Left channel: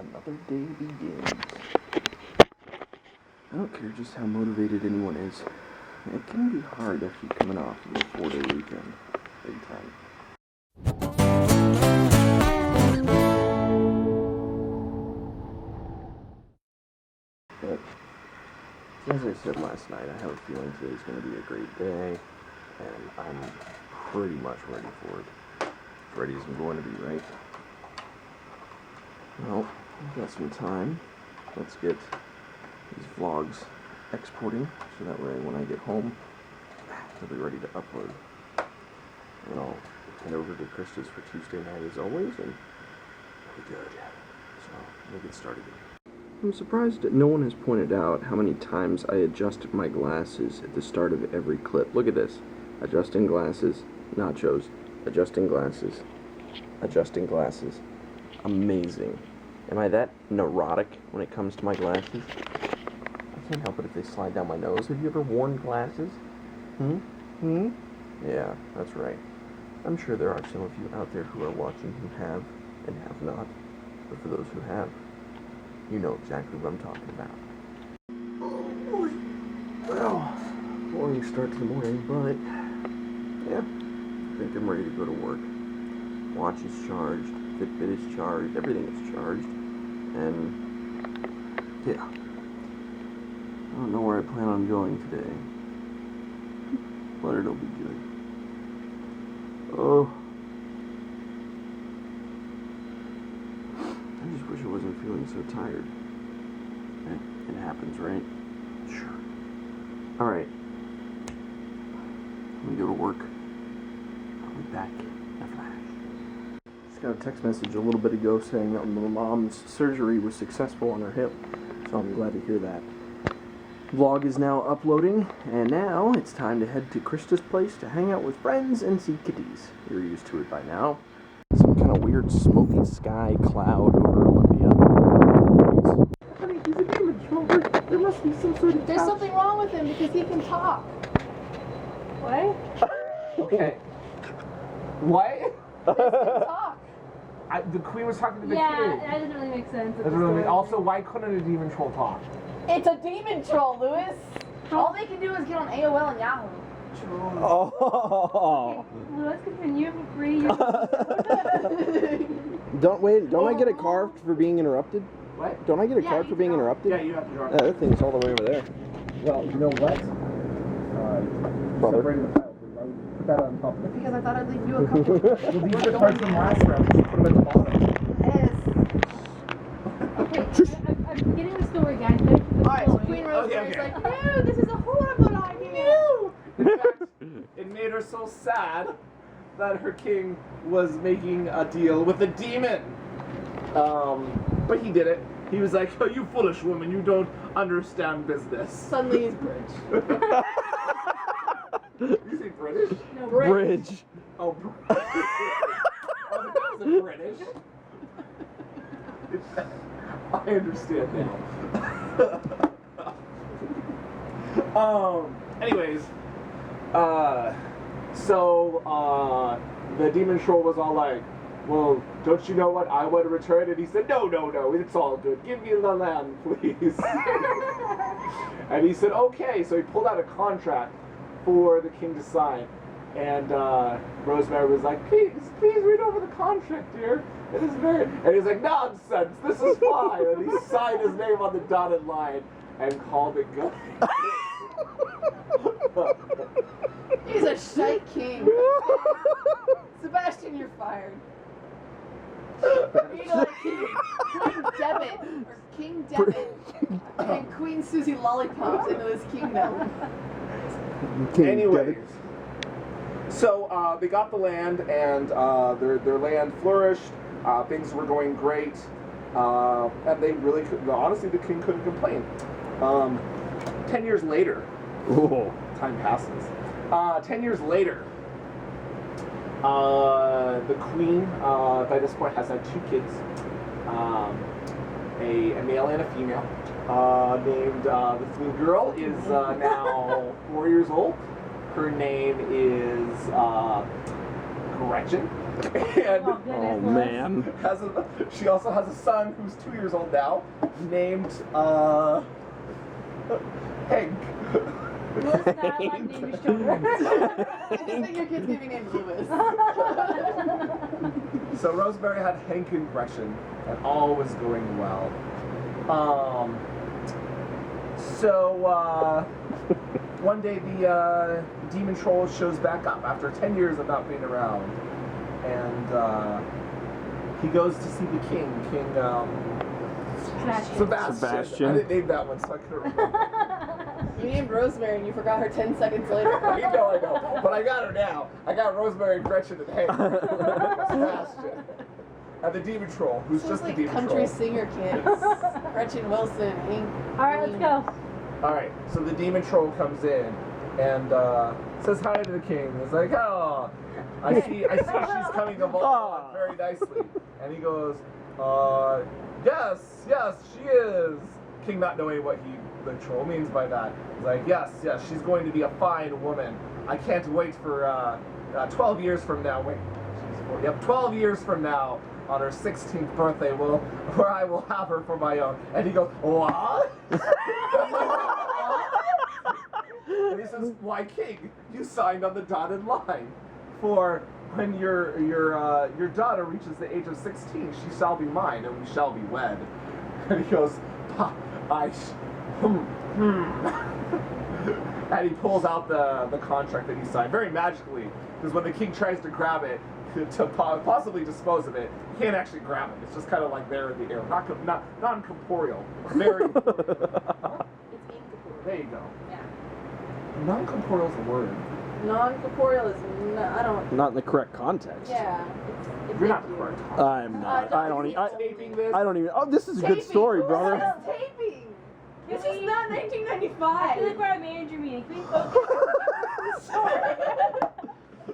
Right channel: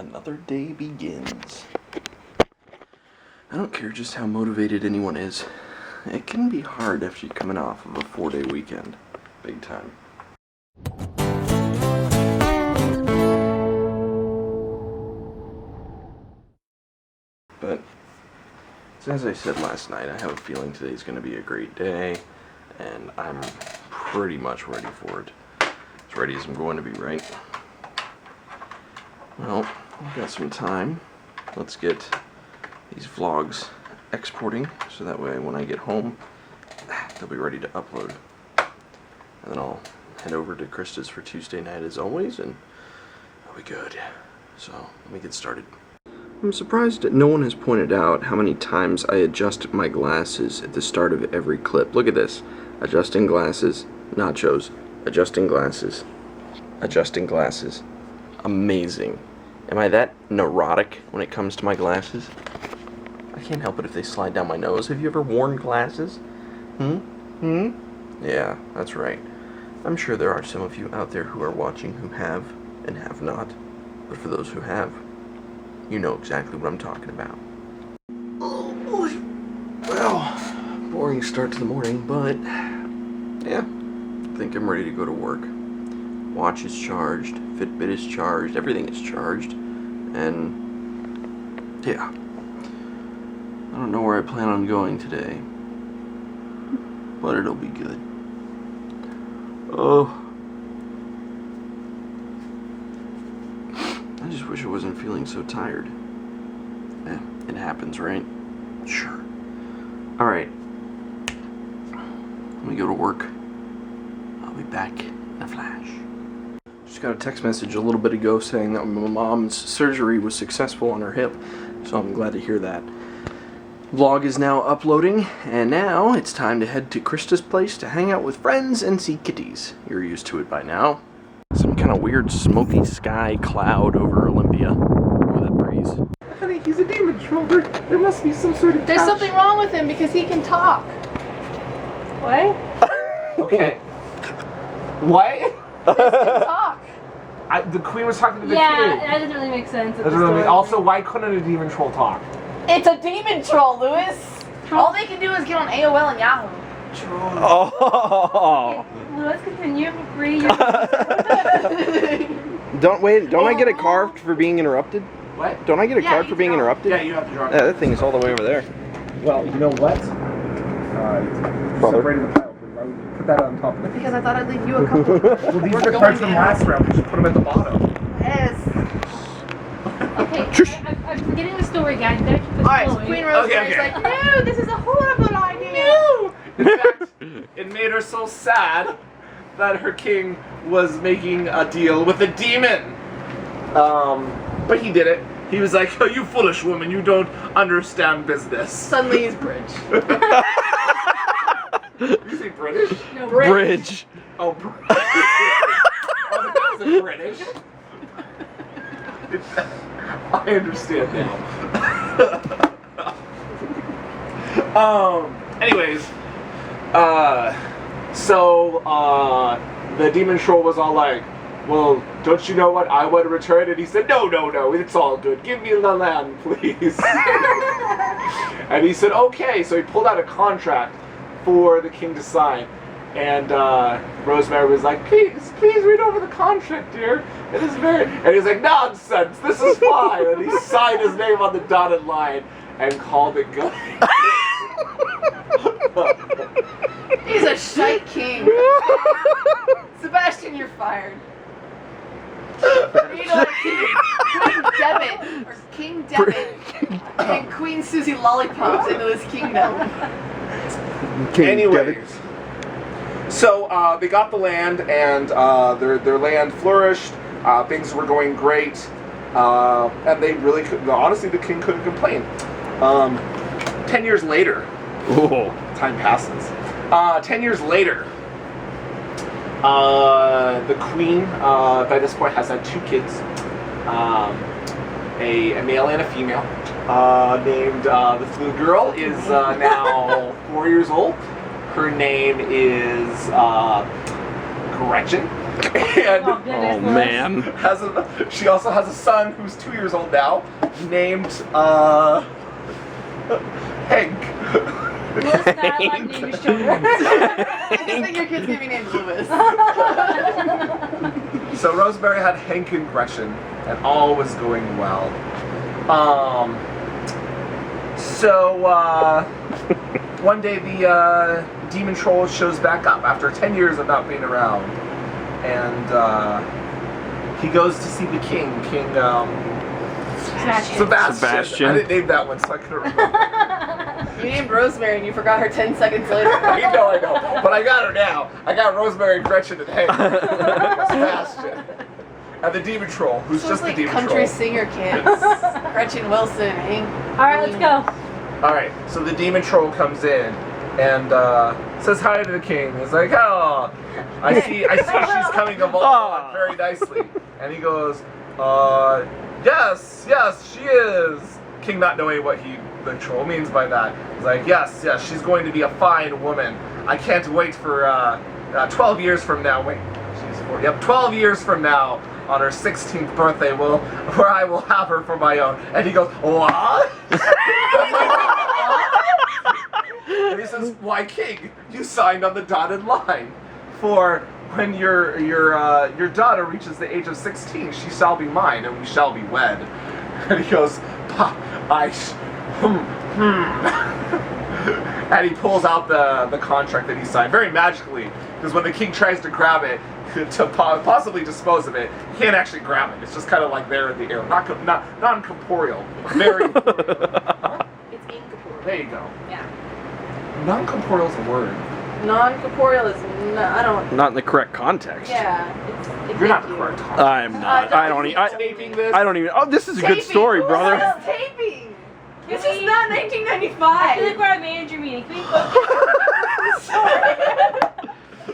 Another day begins. I don't care just how motivated anyone is. It can be hard after you're coming off of a 4-day weekend. Big time. But, as I said last night, I have a feeling today's going to be a great day, and I'm pretty much ready for it. As ready as I'm going to be, right? Well, we've got some time. Let's get these vlogs exporting, so that way when I get home, they'll be ready to upload. And then I'll head over to Krista's for Tuesday night as always, and that'll be good. So, let me get started. I'm surprised that no one has pointed out how many times I adjust my glasses at the start of every clip. Look at this. Adjusting glasses, nachos, adjusting glasses, adjusting glasses. Amazing. Am I that neurotic when it comes to my glasses? I can't help it if they slide down my nose. Have you ever worn glasses? Yeah, that's right. I'm sure there are some of you out there who are watching who have and have not. But for those who have, you know exactly what I'm talking about. Oh boy. Well, boring start to the morning, but yeah, I think I'm ready to go to work. Watch is charged, Fitbit is charged, everything is charged, and yeah. I don't know where I plan on going today, but it'll be good. Oh. I just wish I wasn't feeling so tired. It happens, right? Sure. Alright. When we go to work, I'll be back in a flash. Just got a text message a little bit ago saying that my mom's surgery was successful on her hip, so I'm glad to hear that. Vlog is now uploading, and now it's time to head to Krista's place to hang out with friends and see kitties. You're used to it by now. Some kind of weird smoky sky cloud over Olympia. Oh, that breeze. Honey, he's a demon troll. There must be some sort of There's something wrong with him because he can talk. What? Okay. What? He can talk. The queen was talking to the Yeah, kid. that doesn't really make sense. Doesn't really mean. Also, why couldn't a demon troll talk? It's a demon troll, Lewis. All they can do is get on AOL and Yahoo. Troll. Oh. Let's continue for free. Don't I get a card for being interrupted? What? Don't I get a card for being interrupted? Yeah, you have to draw. Yeah, that thing is all the way over there. Well, you know what? Separated the pile. Why would you put that on top of it? Because I thought I'd leave you a couple. Well, these are cards from last round. We should put them at the bottom. Yes. Okay, I'm forgetting the story, guys. Better keep it Alright, so flowing. Queen Rosemary's Okay. like, no, this is a horrible idea. No! In fact, it made her so sad that her king was making a deal with a demon. But he did it. He was like, oh, you foolish woman, you don't understand business. Suddenly he's Bridge. Did you say British? No, Bridge. Oh, British. Oh, that was British. I understand now. Anyways, the demon troll was all like, well, don't you know what I want to return? And he said, no, it's all good. Give me the land, please. And he said, okay. So he pulled out a contract for the king to sign. And Rosemary was like, please read over the contract, dear. It is very... And he's like, nonsense, this is fine. And he signed his name on the dotted line and called it good. He's a shite king. Sebastian, you're fired. You know, King Debit, or King Debit, and Queen Susie Lollipops into this kingdom. Anyways. So they got the land, and their land flourished. Things were going great, and they really could. Honestly, the king couldn't complain. 10 years later, time passes. 10 years later, the queen by this point has had 2 kids, a male and a female. Named this little girl is now 4 years old. Her name is Gretchen. And Oh, goodness, Oh Louis. man. she also has a son who's 2 years old now, named Hank. Louis, not allowed to name your children. I just think your kid's gonna be named Louis. So Rosemary had Hank and Gretchen, and all was going well. So one day the demon troll shows back up after 10 years of not being around, and he goes to see the king, King Sebastian. Sebastian. I didn't name that one, so I couldn't remember. You named Rosemary and you forgot her 10 seconds later. I know, but I got her now. I got Rosemary, Gretchen, and Hank. Sebastian. And the demon troll, who's So just it's like the demon country troll. singer kids. Gretchen Wilson, Hank. Alright, let's go. Alright, so the demon troll comes in and says hi to the king. He's like, oh, I see she's coming along very nicely. And he goes, yes, she is. King not knowing what the troll means by that. He's like, yes, she's going to be a fine woman. I can't wait for 12 years from now. Wait, she's 4. Yep, 12 years from now, on her 16th birthday, where I will have her for my own. And he goes, what? And he says, why, King? You signed on the dotted line. For when your daughter reaches the age of 16, she shall be mine, and we shall be wed. And he goes, and he pulls out the contract that he signed very magically, because when the king tries to grab it to possibly dispose of it, he can't actually grab it. It's just kind of like there in the air, not non-corporeal, very. Huh? It's incorporeal. There you go. Yeah. Non-corporeal is a word. Non-corporeal is I don't. Not in the correct context. Yeah. You're not the correct. I'm not. I don't even. Taping this. I don't even. Oh, this is a good Taping. story, Who brother. says taping. This Can is we- not I feel 1995. like we're at a manager meeting. Can we go?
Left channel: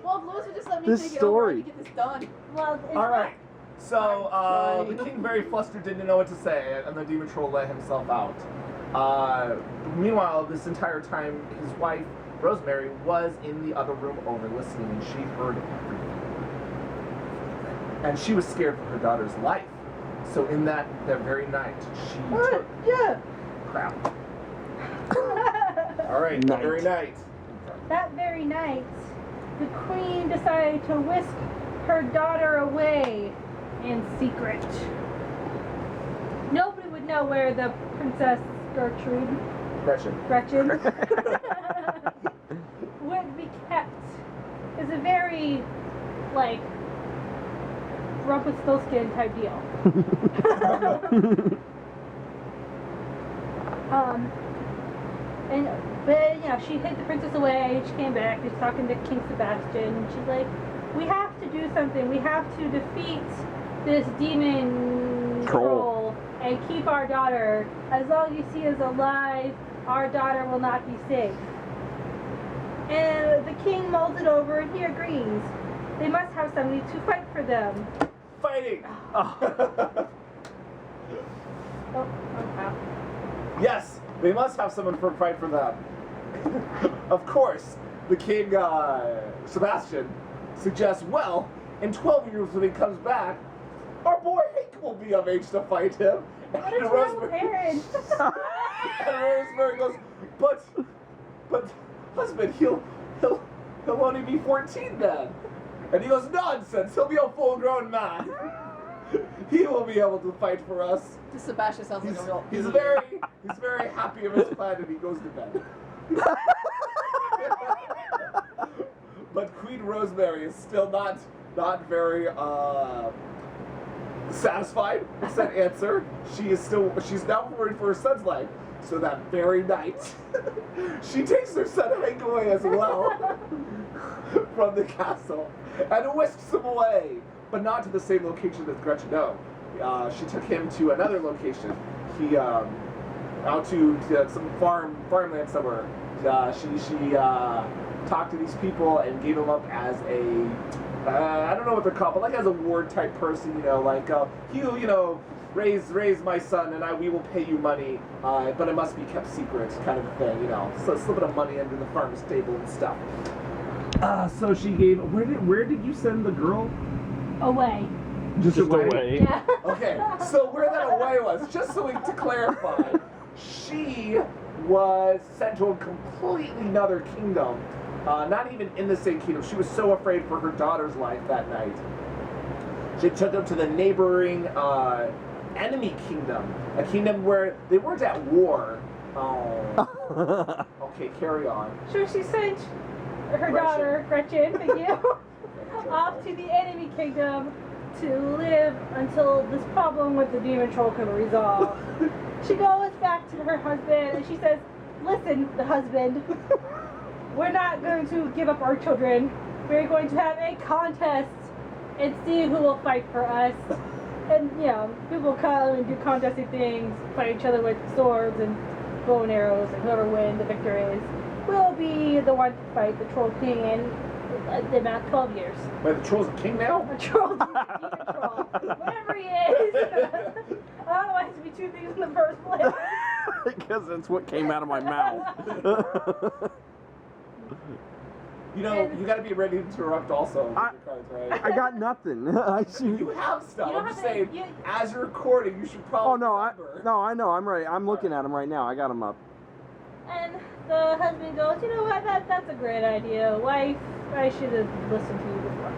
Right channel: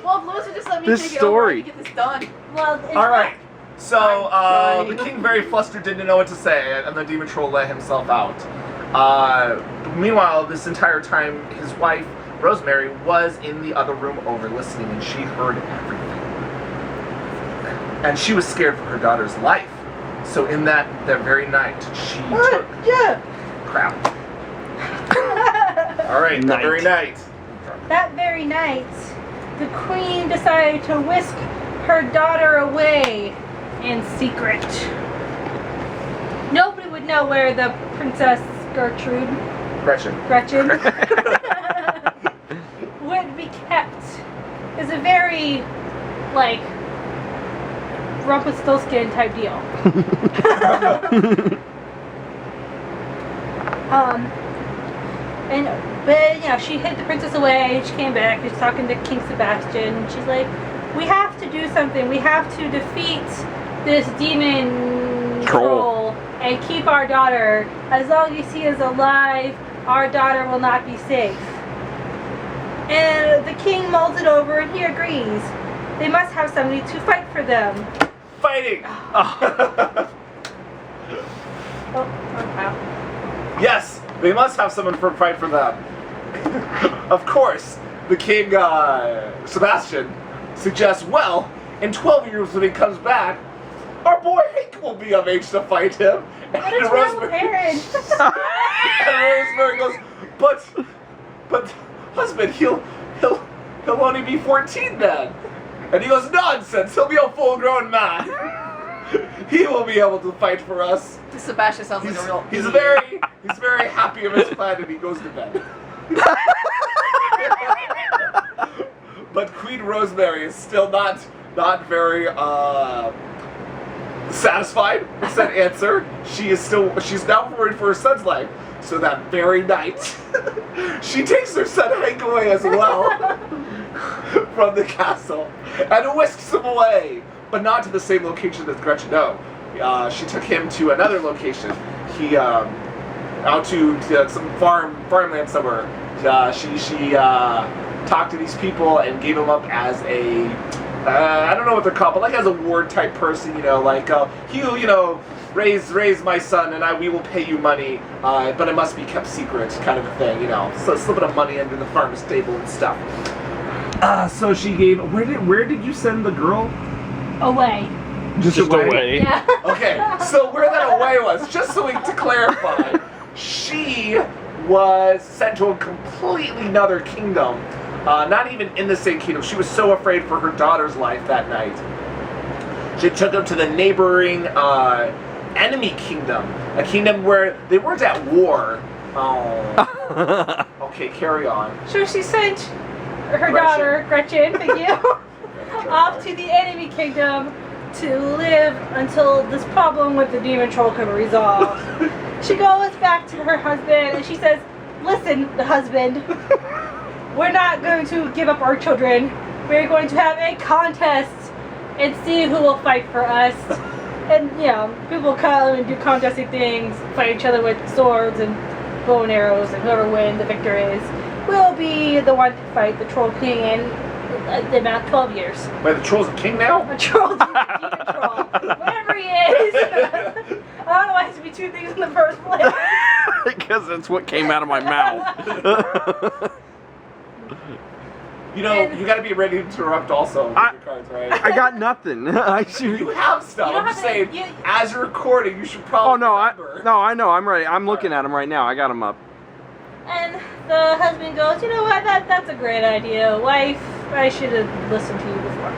Well, if Louis would just let me This take it story. over, I can get this done. Well, it's All right. So I'm the trying. king, very flustered, didn't know what to say, and the demon troll let himself out. Meanwhile, this entire time, his wife Rosemary was in the other room over listening, and she heard everything. And she was scared for her daughter's life. So in that very night, she took crap. All right, that Night. very night. That very night, the queen decided to whisk her daughter away in secret. Nobody would know where the Princess Gretchen. Gretchen would be kept. It's a very, like, Rumpelstiltskin type deal. But you know, she hid the princess away. She came back. She's talking to King Sebastian. She's like, "We have to do something. We have to defeat this demon troll and keep our daughter. As long as he is alive, our daughter will not be safe." And the king mulls it over, and he agrees. They must have somebody to fight for them. Fighting. Oh, wow. Yes, they must have someone for fight for them. Of course, the king, Sebastian, suggests, well, in 12 years when he comes back, our boy Hank will be of age to fight him. What is wrong with Aaron? And Rosemary goes, but husband, he'll only be 14 then. And he goes, nonsense, he'll be a full-grown man. He will be able to fight for us. Sebastian sounds like a real. He's idiot. very happy of his plan, and he goes to bed. But Queen Rosemary is still not very satisfied with that answer. She's now worried for her son's life. So that very night, she takes her son Hank away as well from the castle and whisks him away, but not to the same location as Gretchen. No, she took him to another location. He out to some farmland somewhere. She talked to these people and gave him up as a I don't know what they're called, but like as a ward type person, like raise my son and we will pay you money, but it must be kept secret, kind of a thing, so a little bit of money under the farmer's table and stuff. So she gave. Where did you send the girl? away. Just away? away. Yeah. Okay, so where that away was, just so to clarify, she was sent to a completely another kingdom. Not even in the same kingdom. She was so afraid for her daughter's life that night. She took them to the neighboring enemy kingdom. A kingdom where they weren't at war. Oh. Okay, carry on. So she sent her Gretchen. daughter, Gretchen, thank you, off to the enemy kingdom to live until this problem with the demon troll can be resolved. She goes back to her husband and she says, listen, the husband, we're not going to give up our children. We're going to have a contest and see who will fight for us. And, you know, people come and do contesting things, fight each other with swords and bow and arrows, and whoever wins, the victor is, will be the one to fight the Troll King in the amount of 12 years. Wait, the troll's a king now? A troll, demon troll, whatever he is. I don't know why it has to be two things in the first place. Because that's what came out of my mouth. You know, you gotta be ready to interrupt also with your cards, right? I got nothing. I should. You have stuff. You don't I'm just have to- saying, as you're recording, you should probably Oh no! remember. I know. I'm ready. I'm looking at them right now. I got them up. And the husband goes, you know what, that's a great idea. Wife, I should have listened to you before.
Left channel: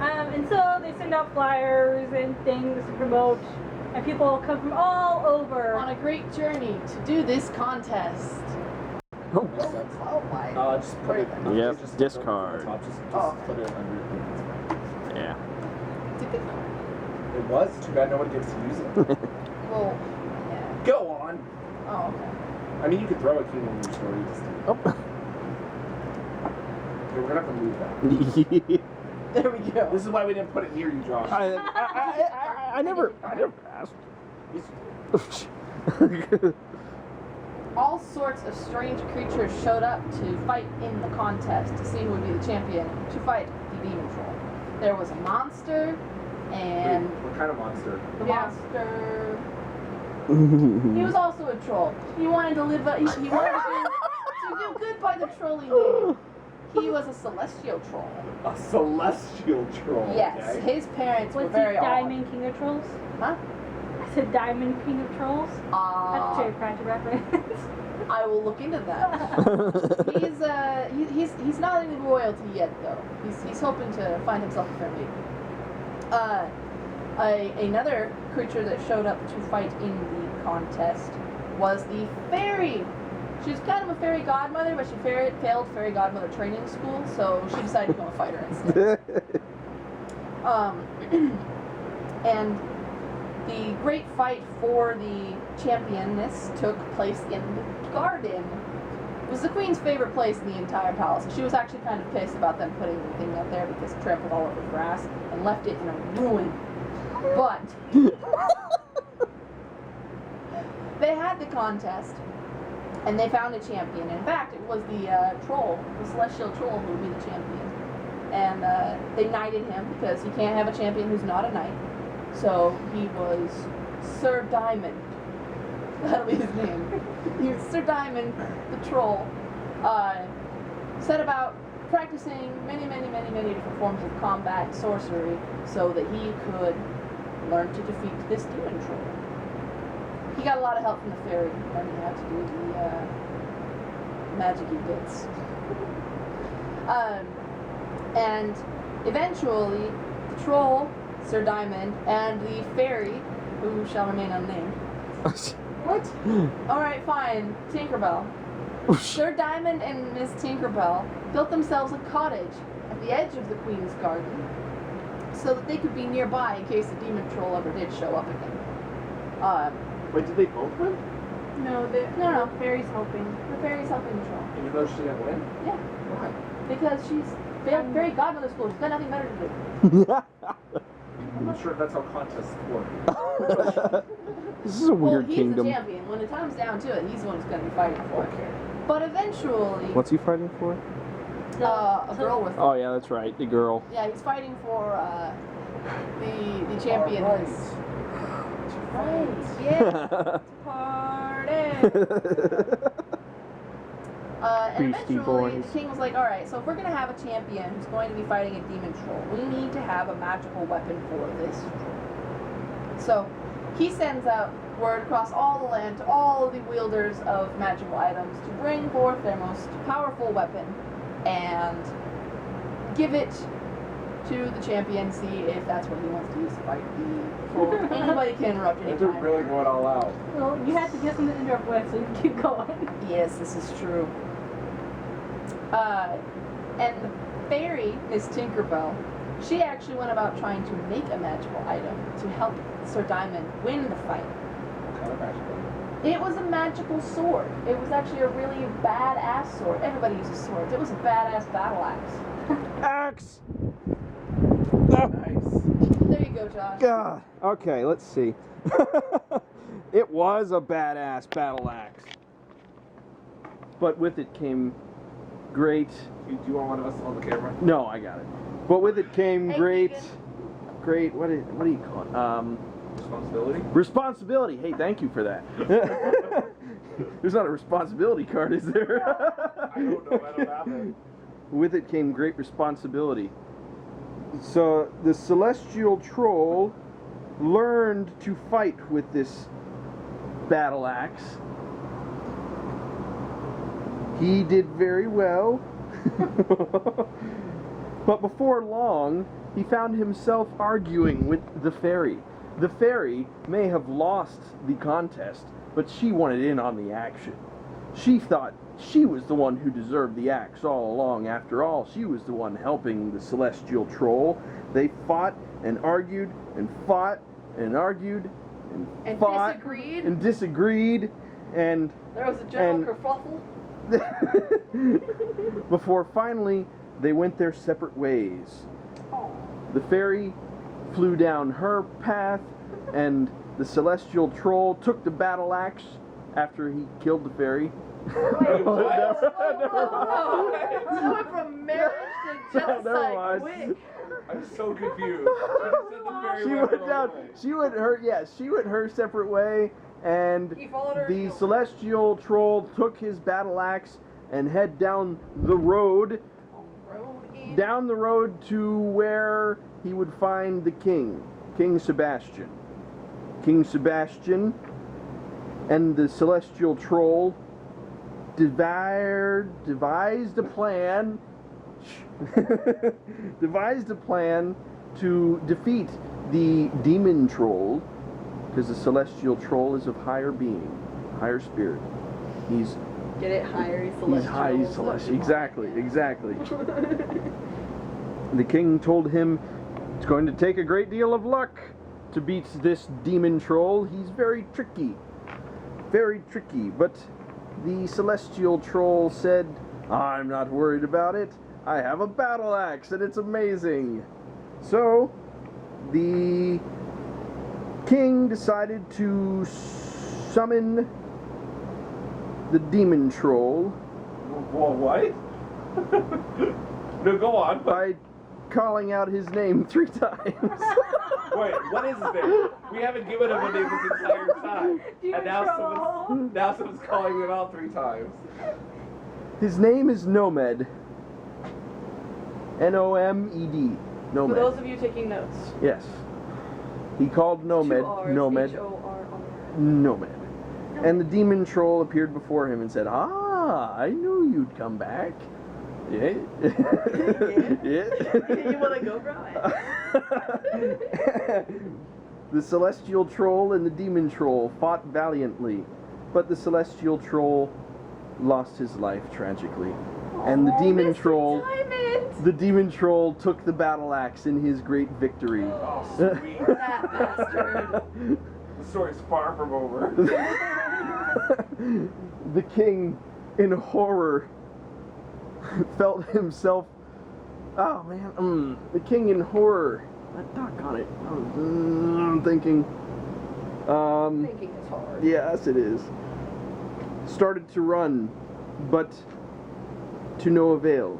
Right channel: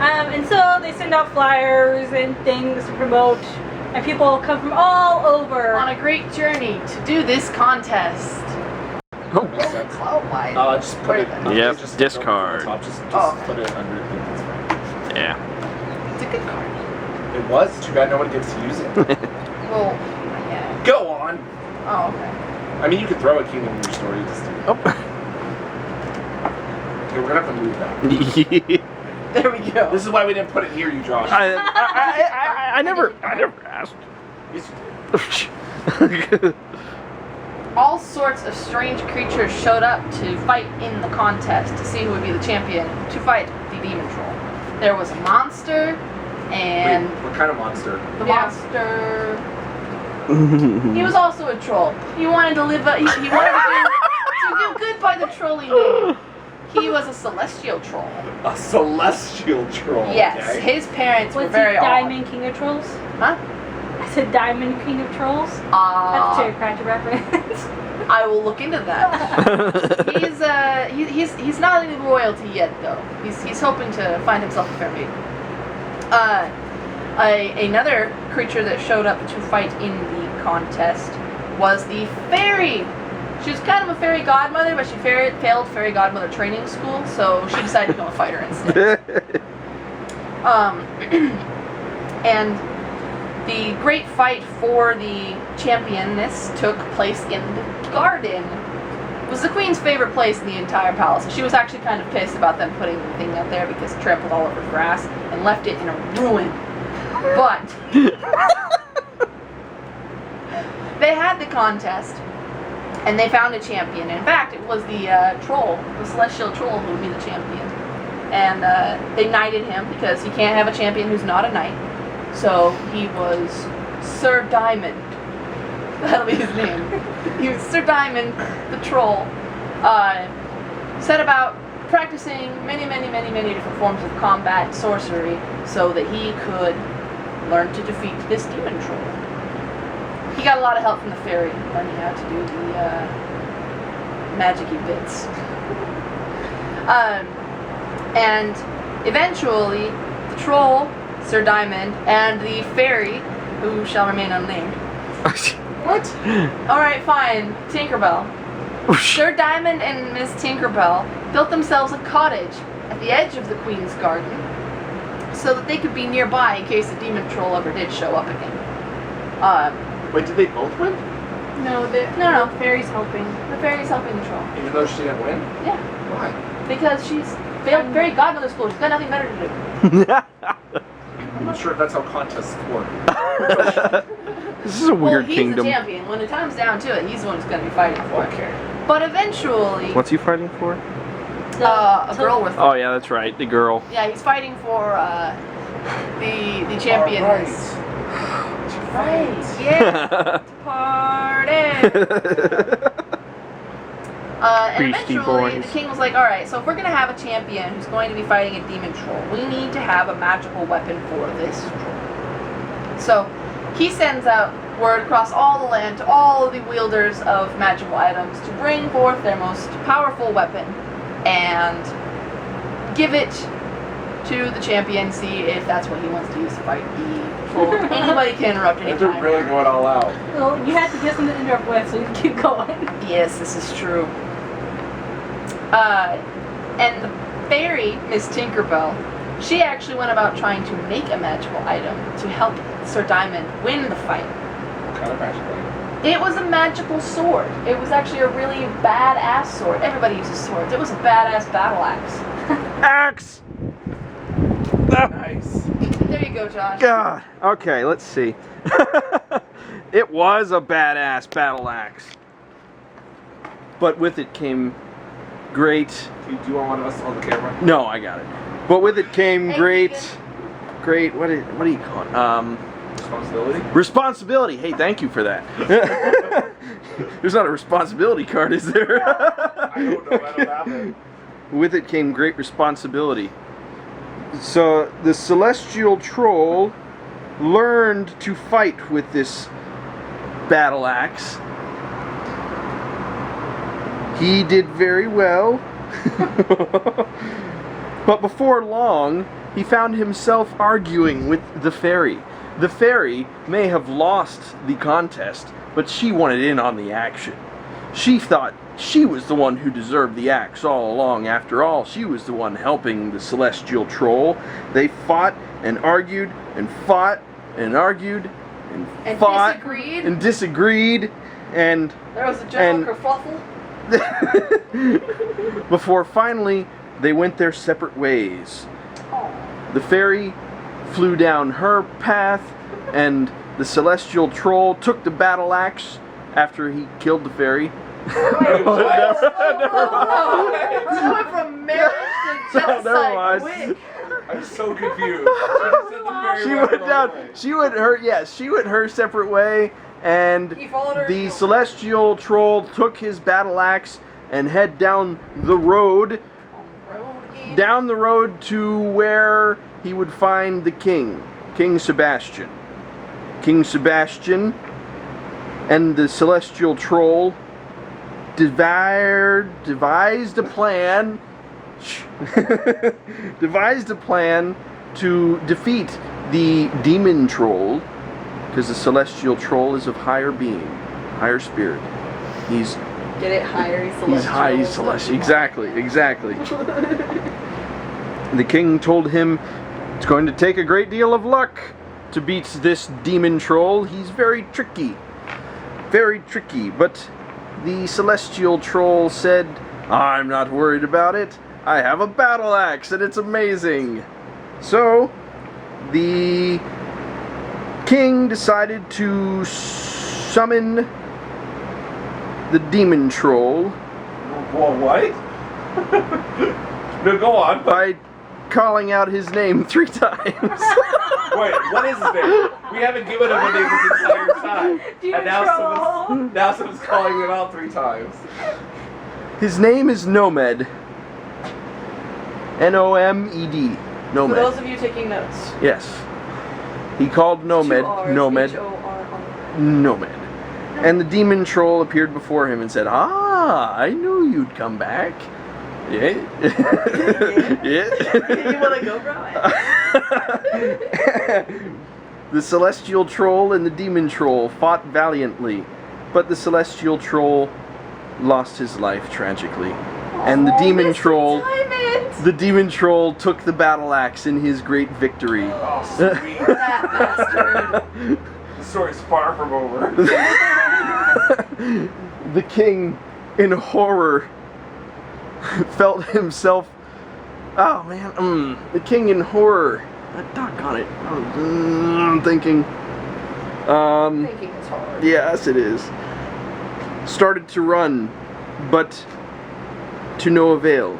And so they send out flyers and things to promote, and people come from all over. On a great journey to do this contest. Oh. Oh my. Just put it. Yep, Just discard. Just Oh. put it under. That's fine. Yeah. It's a good card. It was too bad nobody gets to use it. Well, yeah. Go on. Oh, okay. I mean, you could throw a kingdom in your story. Just Oh. okay, we're gonna have to move that. There we go. This is why we didn't put it near you, Josh. I never asked. Yes, you did. All sorts of strange creatures showed up to fight in the contest to see who would be the champion to fight the demon troll. There was a monster, and Wait, what kind of monster? the Yeah. monster. He was also a troll. He wanted to live. He wanted to do good by the trolling name. He was a celestial troll. A celestial troll. Yes, Okay? his parents were Was very he odd. Diamond King of Trolls? Huh? I said Diamond King of Trolls. That's a Terry Pratchett reference. I will look into that. He's not in royalty yet though. He's hoping to find himself a fair mate. Another creature that showed up to fight in the contest was the fairy. She was kind of a fairy godmother, but she failed fairy godmother training school, so she decided to become a fighter instead. And the great fight for the championess took place in the garden. It was the queen's favorite place in the entire palace. She was actually kind of pissed about them putting the thing out there because it trampled all over grass and left it in a ruin. But they had the contest and they found a champion. In fact, it was the troll, the celestial troll, who would be the champion. And they knighted him because he can't have a champion who's not a knight. So he was Sir Diamond. That'll be his name. He was Sir Diamond, the troll. Set about practicing many different forms of combat and sorcery so that he could learn to defeat this demon troll. He got a lot of help from the fairy, learning how to do the magic-y bits. And eventually, the troll, Sir Diamond, and the fairy, who shall remain unnamed. What? Alright, fine. Tinkerbell. Sir Diamond and Miss Tinkerbell built themselves a cottage at the edge of the Queen's garden so that they could be nearby in case the demon troll ever did show up again. Wait, did they both win? No, the fairy's helping. The fairy's helping the troll. Even though she didn't win? Yeah, Why? because she's failed fairy godmother school. She's got nothing better to do. I'm not sure if that's how contests work. This is a weird he's kingdom. the champion. When it comes down to it, he's the one who's going to be fighting for it. Okay. But eventually, What's he fighting for? a girl with Oh yeah, that's right, the girl. yeah, he's fighting for the championess. Right. Yeah. Party. And Beastie eventually, Boys. the king was like, all right, so if we're going to have a champion who's going to be fighting a demon troll, we need to have a magical weapon for this troll. So he sends out word across all the land to all of the wielders of magical items to bring forth their most powerful weapon and give it to the champion, see if that's what he wants to use to fight the troll. Anybody can interrupt They're anytime. really going all out. Well, you had to get something to interrupt with, so you can keep going. Yes, this is true. And the fairy, Miss Tinkerbell, she actually went about trying to make a magical item to help Sir Diamond win the fight. What kind of magical item? It was a magical sword. It was actually a really badass sword. Everybody uses swords. It was a badass battle axe. Axe! Nice. There you go, Josh. God. Okay, let's see. It was a badass battle axe. But with it came great... Do you want one of us on the camera? No, I got it. But with it came Hey, great... Keegan. Great... What do you call it? Responsibility? Responsibility. Hey, thank you for that. There's not a responsibility card, is there? I don't know. I don't have it. With it came great responsibility. So the celestial troll learned to fight with this battle axe. He did very well. But before long, he found himself arguing with the fairy. The fairy may have lost the contest, but she wanted in on the action. She thought she was the one who deserved the axe all along. After all, she was the one helping the celestial troll. They fought and argued and fought and argued and fought disagreed. and disagreed and There was a general kerfuffle. before finally they went their separate ways. The fairy flew down her path, and the celestial troll took the battle axe after he killed the fairy. It went from marriage to genocide. Never mind. Quick. I'm so confused. She went down. She went her. Yes, she went her separate way, and He followed her. the celestial troll took his battle axe and head down the road. Down the road to where he would find the king, King Sebastian. King Sebastian and the celestial troll devised a plan to defeat the demon troll, because the celestial troll is of higher being, higher spirit. He's Get it higher, he's celestial. He's high, he's celestial. Exactly. The king told him it's going to take a great deal of luck to beat this demon troll. He's very tricky. But the celestial troll said, I'm not worried about it. I have a battle axe and it's amazing. So, the king decided to summon the demon troll Well, what? No, go on. by calling out his name 3 times. Wait, what is his name? We haven't given him a name this entire time. And now someone's calling him out 3 times. His name is Nomed. N-O-M-E-D. For Nomed. those of you taking notes. Yes. He called Nomed. 2 R's, Nomed. H-O-R-R. Nomed. And the demon troll appeared before him and said, I knew you'd come back. Yeah. Yeah. You want to go, bro? The celestial troll and the demon troll fought valiantly, but the celestial troll lost his life tragically. And the demon troll took the battle axe in his great victory. Oh, sweet. That bastard. The story's far from over. The king, in horror, felt himself. Oh man, the king in horror. Doggone it. I'm thinking. Thinking is hard. Yes, it is. Started to run, but to no avail.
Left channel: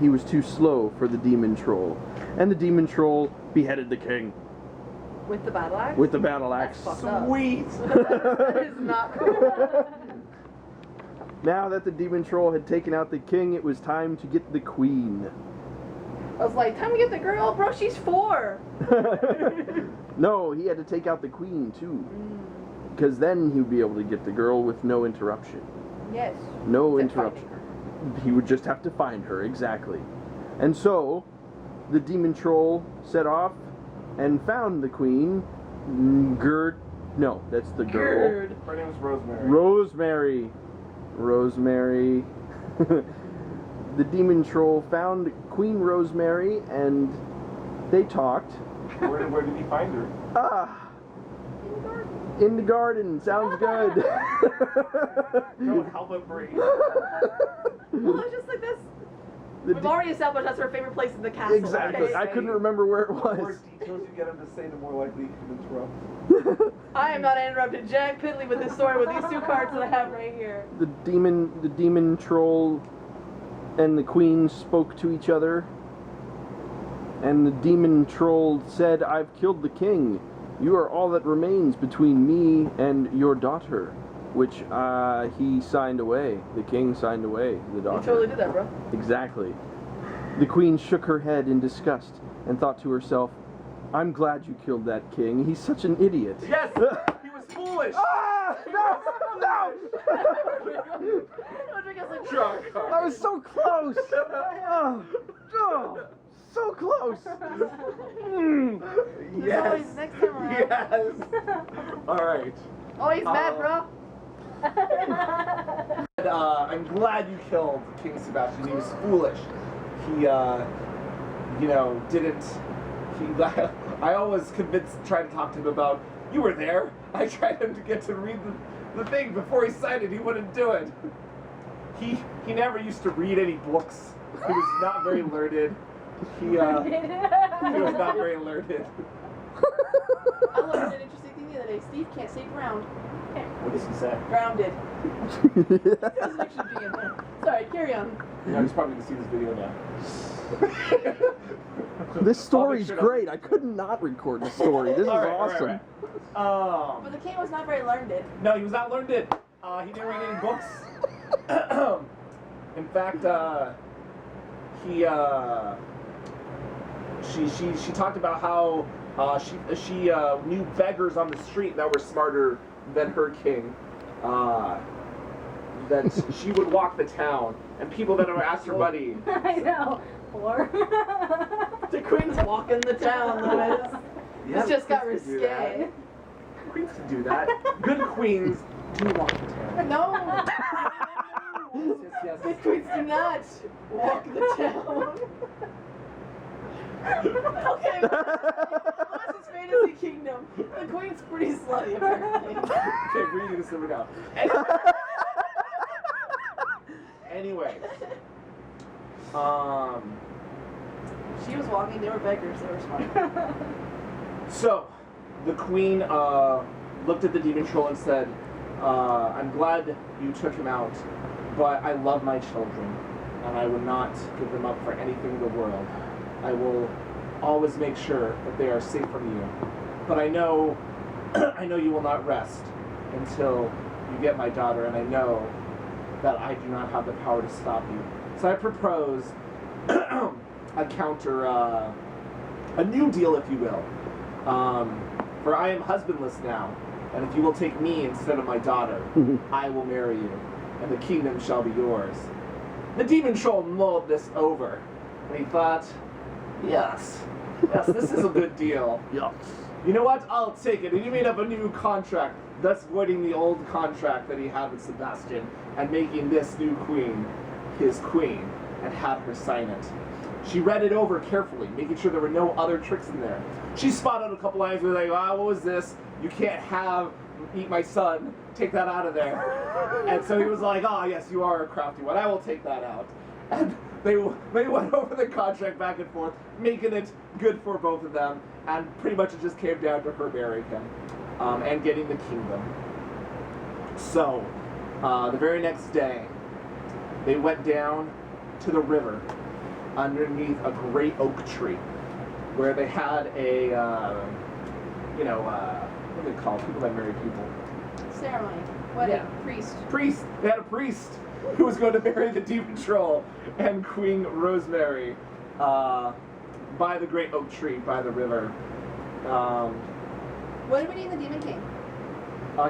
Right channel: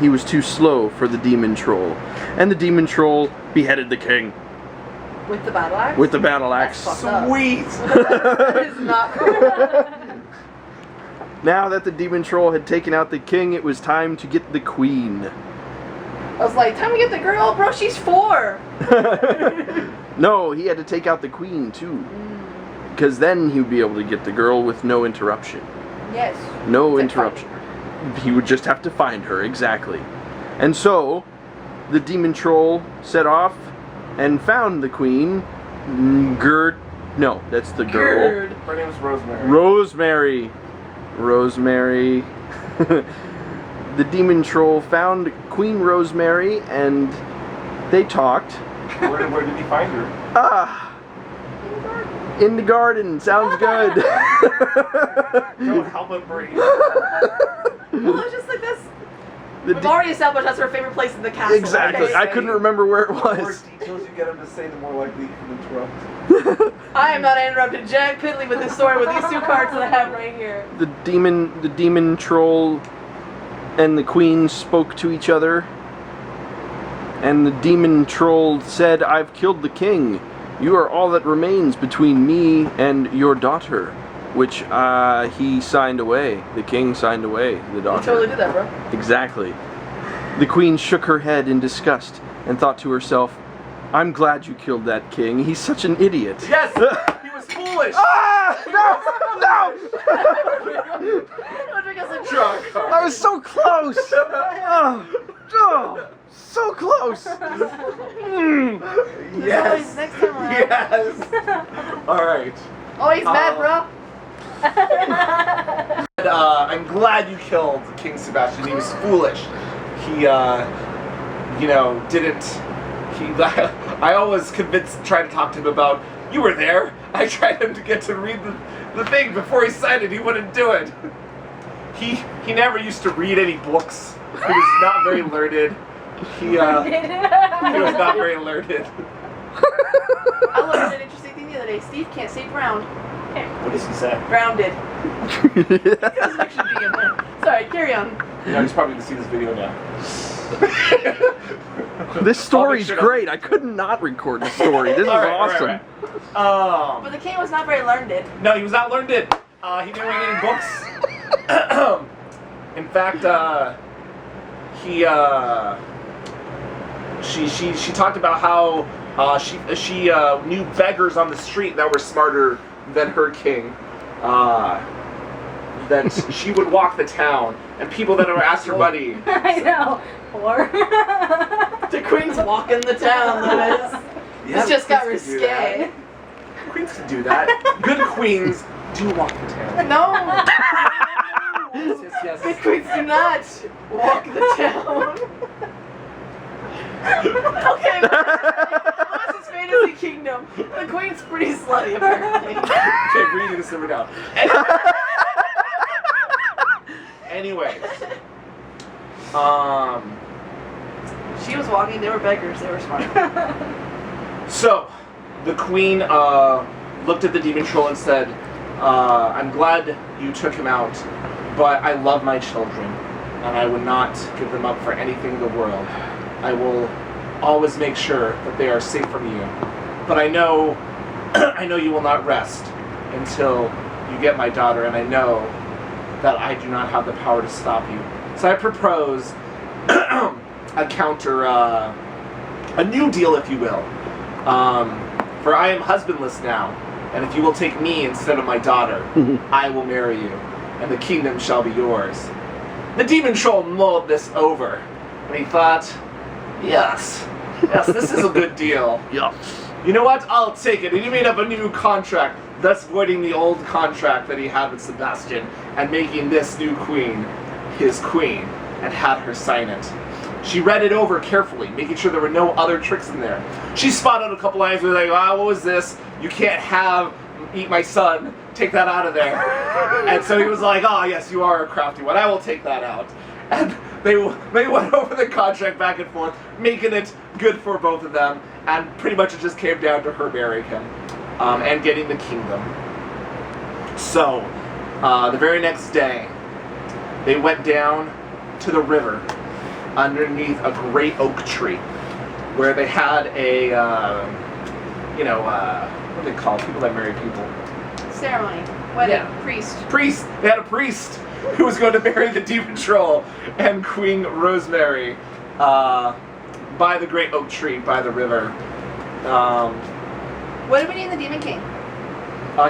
He was too slow for the demon troll, and the demon troll beheaded the king With the battle axe? with the battle axe. That's fucked up. Sweet. That is not cool. Now that the demon troll had taken out the king, it was time to get the queen. I was like, time to get the girl, bro. She's 4. No, he had to take out the queen too. Because then he would be able to get the girl with no interruption. Yes. No Except interruption. He would just have to find her, exactly. And so, the demon troll set off and found the queen. No, that's the girl. Gerd. Her name is Rosemary. Rosemary. The demon troll found Queen Rosemary and they talked. Where did he find her? In the garden. Sounds good. No, Halma Bree. Well, it's just like this. We've already established that's her favorite place in the castle. Exactly. Okay? I couldn't remember where it The more was. details you get him to say, the more likely you can interrupt. I am not interrupted Jack Piddly with this story with these 2 cards that I have right here. The demon troll and the queen spoke to each other. And the demon troll said, "I've killed the king. You are all that remains between me and your daughter." Which he signed away. The king signed away the daughter. You totally did that, bro. Exactly. The queen shook her head in disgust and thought to herself, "I'm glad you killed that king. He's such an idiot." Yes! He was foolish! Ah! No! No! Drunk. I was so close! Oh, so close! Yes! Next time around. Yes! Alright. Oh, he's mad, bro. I'm glad you killed King Sebastian. He was foolish. He, didn't. I always tried to talk to him about, you were there. I tried him to get to read the thing before he signed it. He wouldn't do it. He never used to read any books. He was not very learned. He was not very learned. I learned an interesting thing the other day. Steve can't say drowned. What does he say? Grounded. Doesn't actually be in there. Sorry, carry on. He's probably going to see this video now. This story's sure to- great. I could not record the story. This is awesome. But the king was not very learned. No, he was not learned. He didn't read any books. In fact, she talked about how she knew beggars on the street that were smarter than her king. That she would walk the town, and people that would ask her money. I know. Or The queen's walking the town, Lewis. Yeah, This just got queens can do risque. that. Queens can do that. Good queens do walk the town. No. Yes. Good queens do not walk the town. Okay. Lewis's fantasy kingdom. The queen's pretty slutty, apparently. Okay, reading this number down. Anyways. She was walking. They were beggars. They were smart. So, the queen looked at the demon troll and said, I'm glad you took him out, but I love my children, and I would not give them up for anything in the world. I will always make sure that they are safe from you. But I know you will not rest until you get my daughter, and I know that I do not have the power to stop you. So I propose a counter, a new deal, if you will. For I am husbandless now, and if you will take me instead of my daughter, I will marry you, and the kingdom shall be yours. The demon troll mulled this over, and he thought, yes, this is a good deal. Yeah. You know what? I'll take it. And he made up a new contract, thus voiding the old contract that he had with Sebastian, and making this new queen his queen, and had her sign it. She read it over carefully, making sure there were no other tricks in there. She spotted a couple lines where like, what was this? You can't eat my son. Take that out of there. And so he was like, yes, you are a crafty one. I will take that out. And they went over the contract back and forth, making it good for both of them. And pretty much it just came down to her marrying him and getting the kingdom. So, the very next day, they went down to the river underneath a great oak tree where they had a, what do they call people that marry people? ceremony. Wedding. Yeah. Priest. They had a priest who was going to marry the demon troll and Queen Rosemary by the great oak tree by the river. What did we name the Demon King?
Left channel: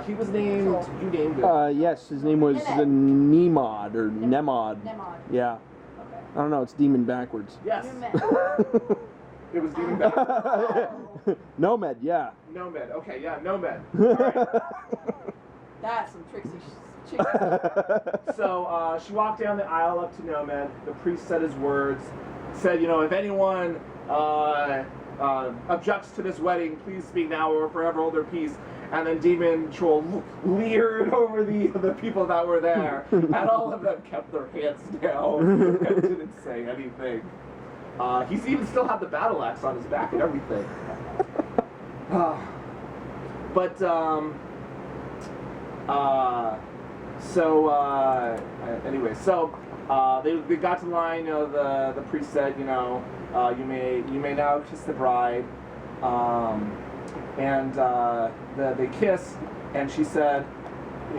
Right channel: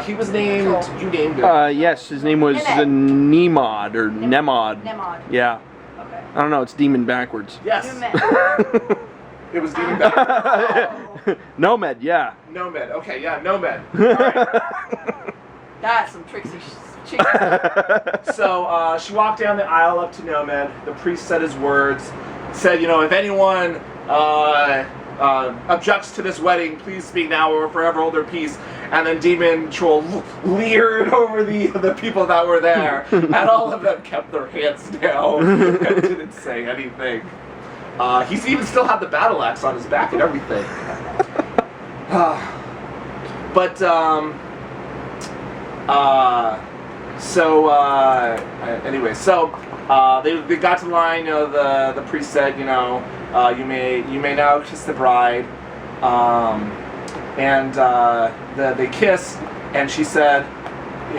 He was named. Troll. You named it. Yes, his name was Nemod or Nemod. Nemod. Yeah. Okay. I don't know. It's demon backwards. Yes. Numet. It was demon back. Nomad. Yeah. Nomad. Okay, yeah, Nomad. All right. That's some tricksy chicks. So she walked down the aisle up to Nomad. The priest said his words. Said, if anyone objects to this wedding, please speak now or forever hold their peace. And then Demon Troll leered over the people that were there, and all of them kept their hands down and didn't say anything. He's even still had the battle axe on his back and everything. Anyway, they got to the line. The priest said, you may now kiss the bride, they kissed, and she said, she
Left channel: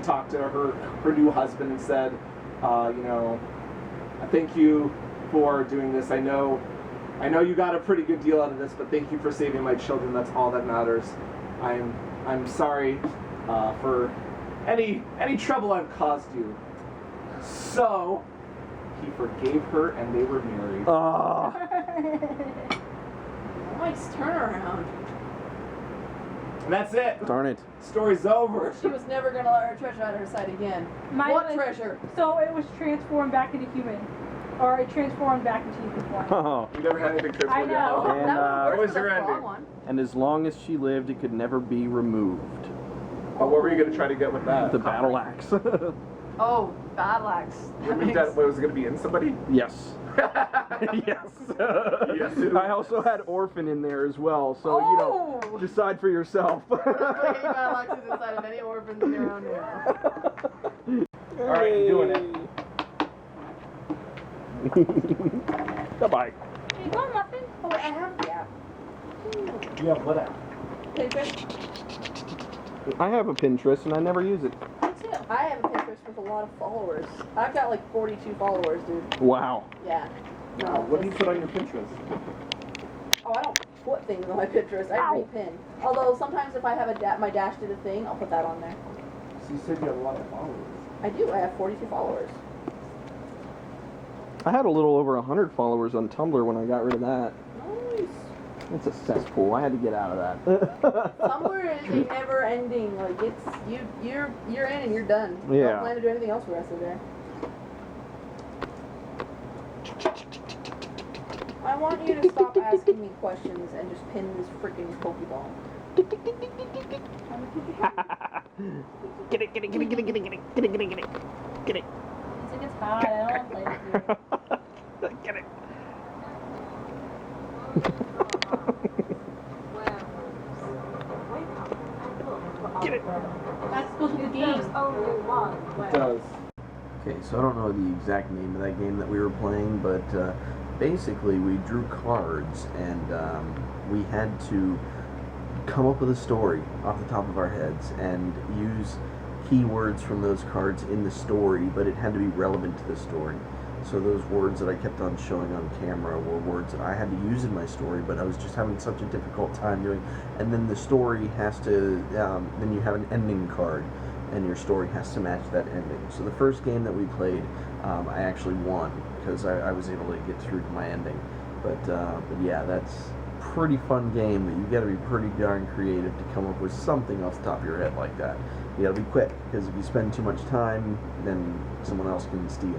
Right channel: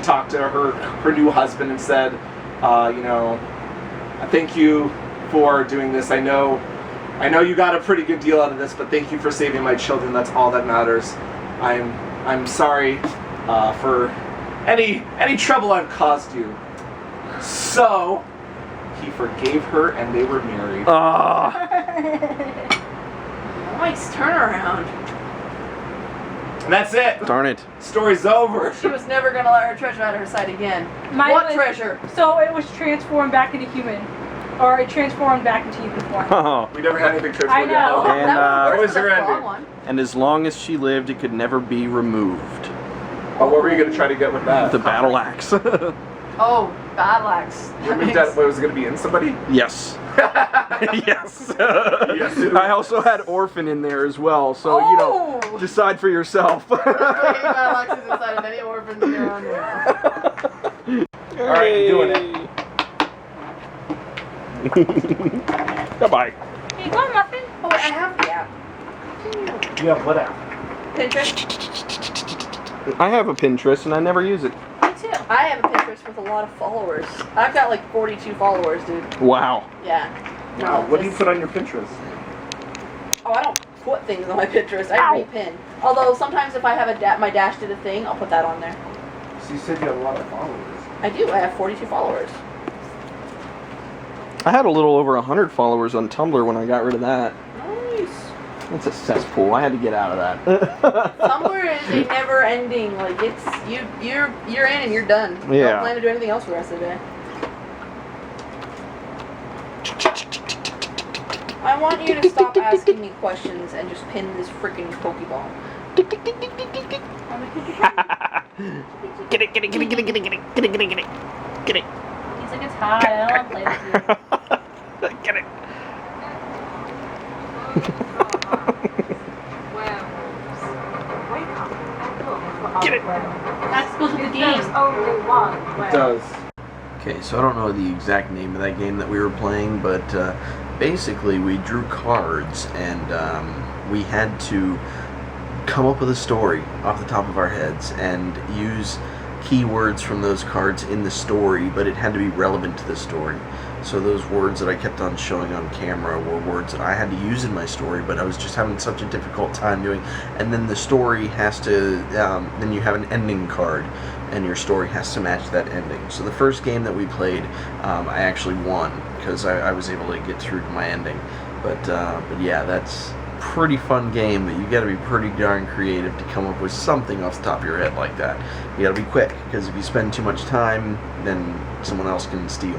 talked to her new husband and said, I thank you for doing this. I know you got a pretty good deal out of this, but thank you for saving my children. That's all that matters. I'm sorry for any trouble I've caused you. So he forgave her, and they were married. Nice turnaround. And that's it. Darn it. Story's over. She was never gonna let her treasure out of her sight again. Mine What was- treasure? So it was transformed back into human. Or it transformed back into human form. Oh. We never had anything transformed. I know. And, That what was your that's the ending? wrong one. And as long as she lived, it could never be removed. Oh, what were you gonna try to get with that? The battle axe. Oh, battle axe. You mean that was it gonna be in somebody? Yes. Yes. Yes, it I also had orphan in there as well, so Oh! decide for yourself. Battle axe is inside of any orphans around there. All right, I'm doing it. Bye-bye. Hey, go on, Muffin. Oh, wait, I have the app. You have what app? Pinterest. I have a Pinterest and I never use it. Me too. I have a Pinterest with a lot of followers. I've got like 42 followers, dude. Wow. Yeah. Wow. What do you put on your Pinterest? Oh, I don't put things on my Pinterest. I repin. Although sometimes if I have my dash did a thing, I'll put that on there. So you said you have a lot of followers. I do. I have 42 followers. I had a little over 100 followers on Tumblr when I got rid of that. Nice. It's a cesspool. I had to get out of that. Tumblr is a never ending. Like it's you're in and you're done. You Yeah. don't plan to do anything else for the rest of the day. I want you to stop asking me questions and just pin this freaking Pokeball. Get it, get it, get it, get it, get it, get it, get it, get it, get it. Get it. He's like, it's hot. I don't want to play with you. Get it. Get it. That's supposed to be the game. It does. Okay, so I don't know the exact name of that game that we were playing, but basically we drew cards and we had to come up with a story off the top of our heads and use keywords from those cards in the story, but it had to be relevant to the story. So those words that I kept on showing on camera were words that I had to use in my story, but I was just having such a difficult time doing. And then the story has to, then you have an ending card, and your story has to match that ending. So the first game that we played, I actually won because I was able to get through to my ending. But yeah, that's pretty fun game, but you got to be pretty darn creative to come up with something off the top of your head like that. You got to be quick, because if you spend too much time, then someone else can steal.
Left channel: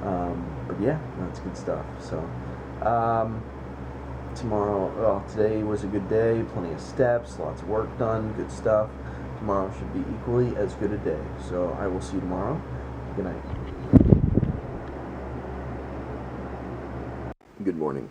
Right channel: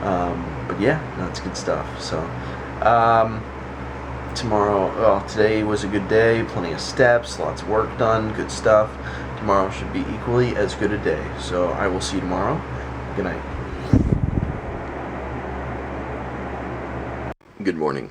But yeah, that's good stuff. So today was a good day, plenty of steps, lots of work done, good stuff. Tomorrow should be equally as good a day. So I will see you tomorrow. Good night. Good morning.